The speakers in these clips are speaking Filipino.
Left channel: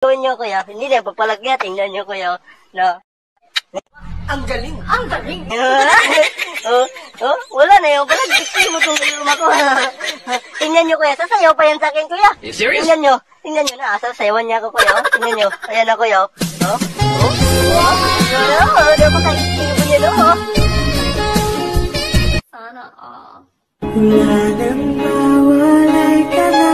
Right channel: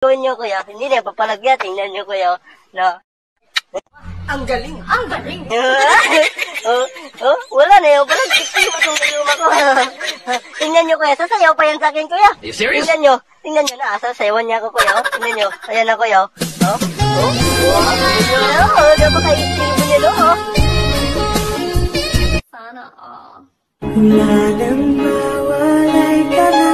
Tingnan nyo kuya, hindi na papalagya, tingnan nyo kuya, na. Ang galing, ang galing. Wala na yung pala, tumutulong ako. Tingnan nyo kuya, sasayaw pa yan sa akin kuya. You serious? Tingnan nyo na, sasayawan niya ako kuya. Tingnan nyo, ayan na kuya. Napakaisip ko yun, Sana all. Lalong mawalay ka na.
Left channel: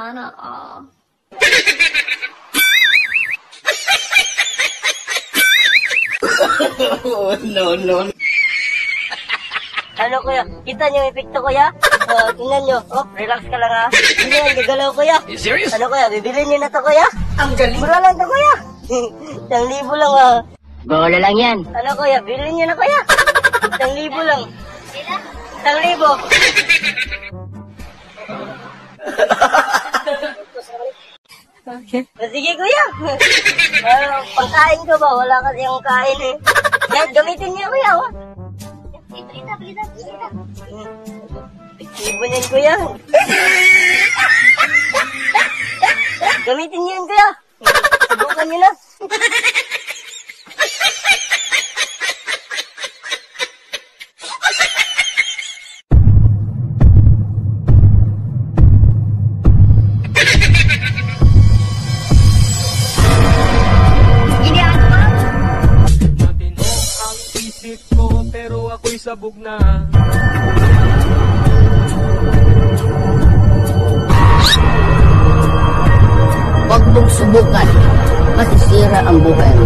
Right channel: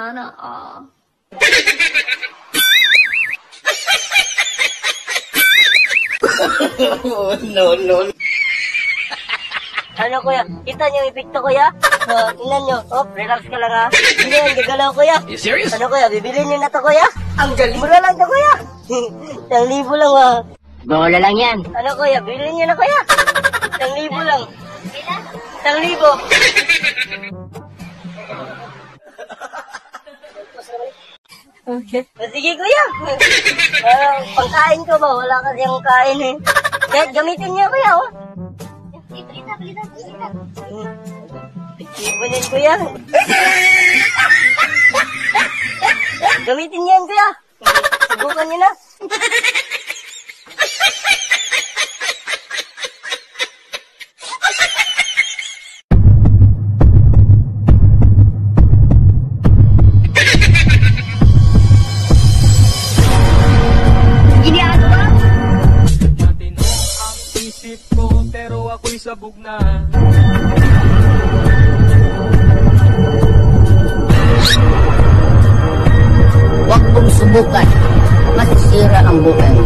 Sana all. No. Ano kuya, kita niyo yung epekto kuya? Tingnan nyo, relax ka lang ha. Hindi yung gigalaw kuya. You serious? Ano kuya, bibilin nyo na to kuya? Ang galing. Mura lang to kuya. 1,000 lang Bola lang yan. Ano kuya, bilhin nyo na kuya. 1,000 lang. 1,000. Okay. Sige kuya. Pangkain ko ba? Wala kasi yung kain eh. Gamitin niya kuya Balita. Iban yan kuya. Gamitin niya yan kuya. Subukan niyo na. Pero ako'y sabog na. Huwag mong subukan. Masisira ang buhay.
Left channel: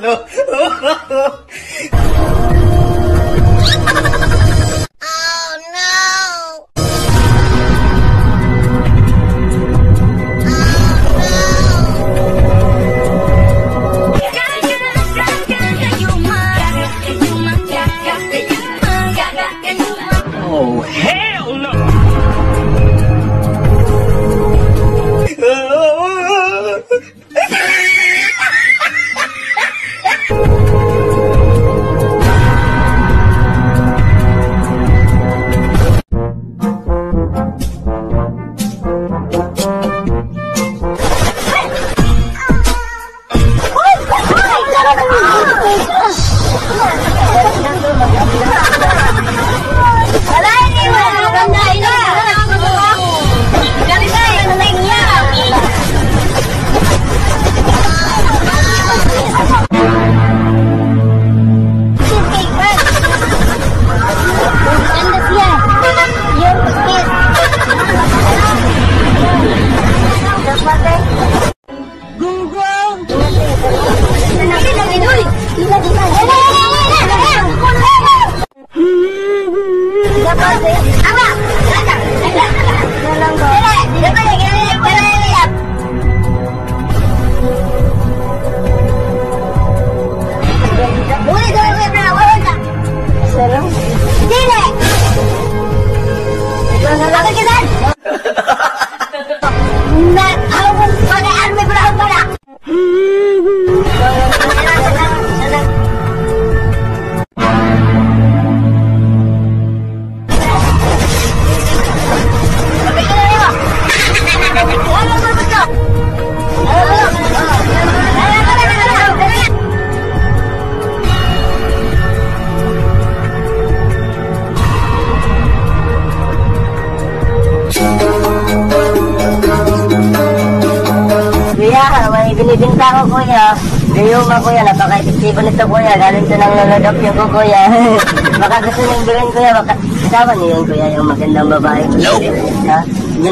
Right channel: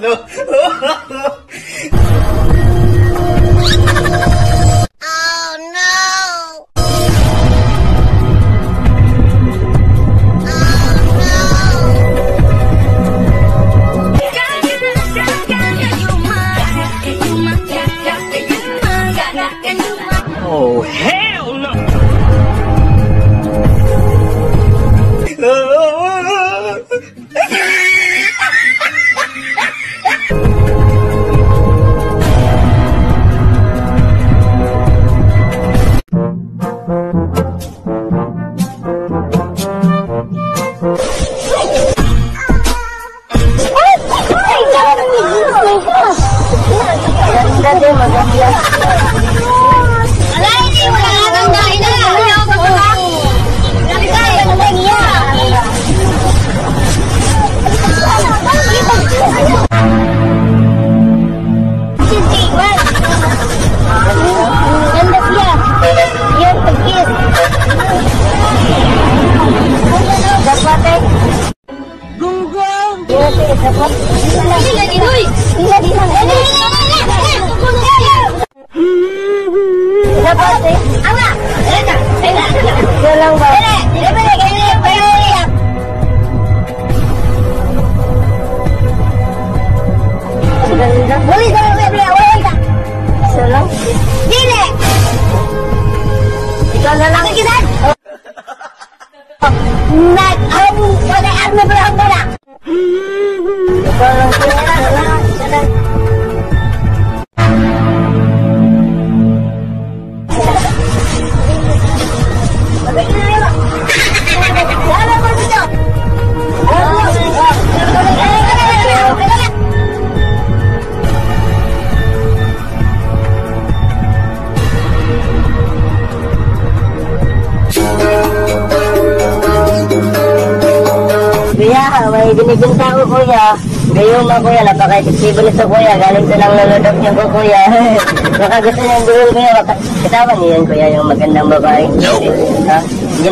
No. Oh, hell no! Binibinta ko kuya. Gayong mo kuya, napaka-efektibo na ito kuya. Galing ito ng nanodok niyo ko kuya. Baka gusto niyo gawin kuya. Kasama niyo yan kuya, yung magandang babae. Ha? Hindi,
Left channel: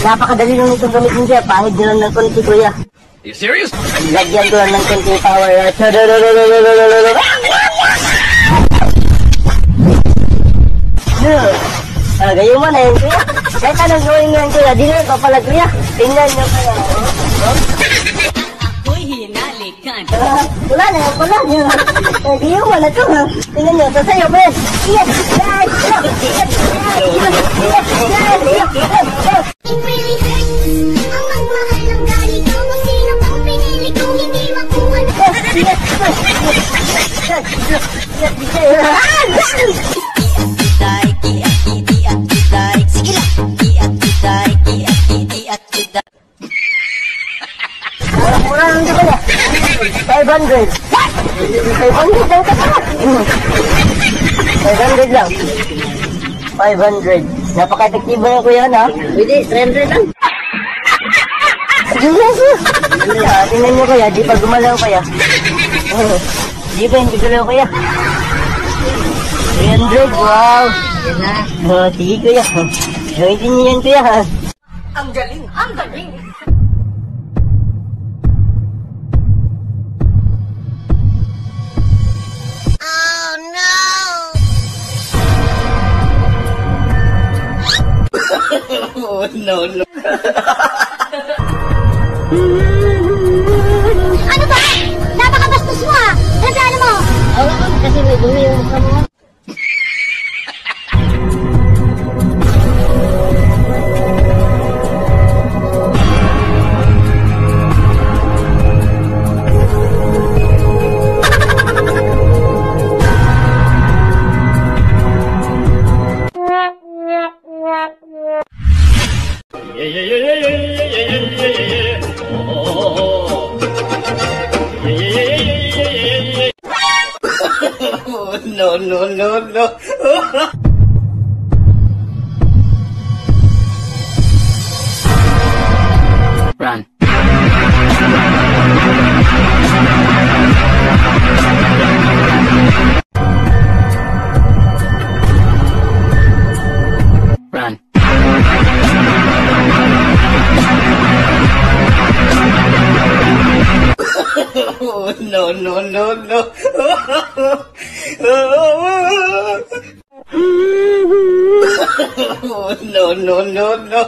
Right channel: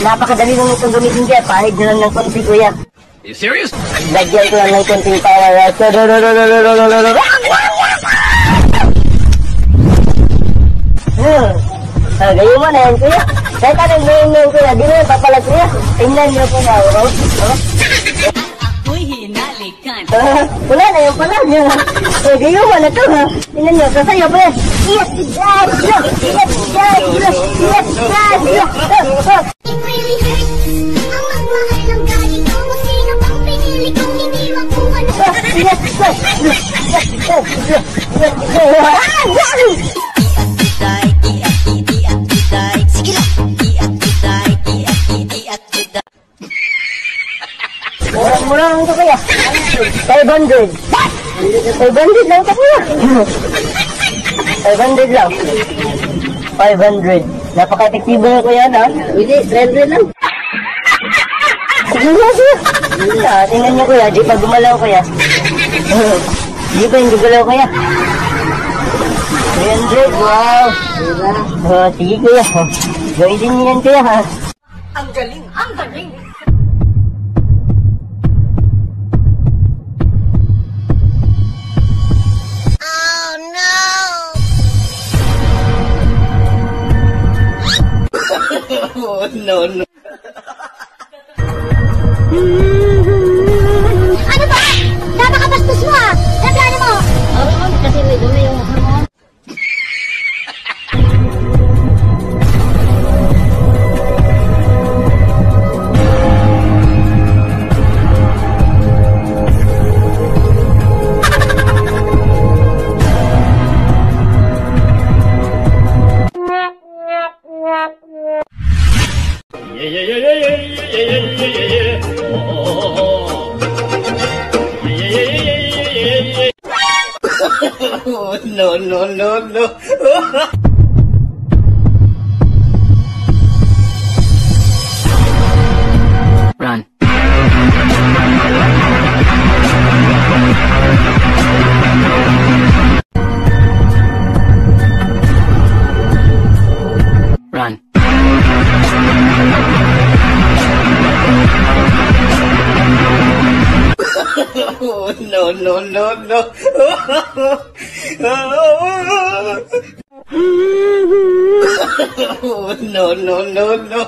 napakadali lang itong gamitin kuya. Pahig nyo lang ng konti kuya. You serious? Lagyan ko lang ng konting power. Gayong mo na yan kuya. Kahit anong gawin mo yan kuya, di na papalag kuya. Tingnan nyo kuya. Wala na yung pala niya. Di yung wala to ha. Tingnan niyo, sasayaw pa yan. Iyak! Iyak! Iyak! Iyak! Iyak! Iyak! Iyak! It really hurts ang magmahal ng ganito. Kung sino mang pinili kong hindi makuha na. Mura-mura lang ka kuya. 500. 500 lang ka kuya. 500 lang. 500. Napaka-tektibo yung kuya na. Bili, 300 lang. Sige nga siya. Tingnan niyo kuya, di pa gumalaw kuya. Di pa hindi gumalaw kuya. 300, wow. Yun na. Sige kuya. Gawin din niyo yan kuya ha. Ang galing! Ang galing! Oh no! No, no. Ano ba? Napakabastos mo ah! Nagano mo? Kasi may dumi yung mukha mo. Yeah, yeah, yeah, yeah, yeah, yeah, yeah, yeah, yeah, yeah. Oh, oh, oh, oh. Yeah, yeah, yeah, yeah, yeah, yeah, yeah. No, no, no, no. Run. Run. No, no, no, no. No, no, no, no.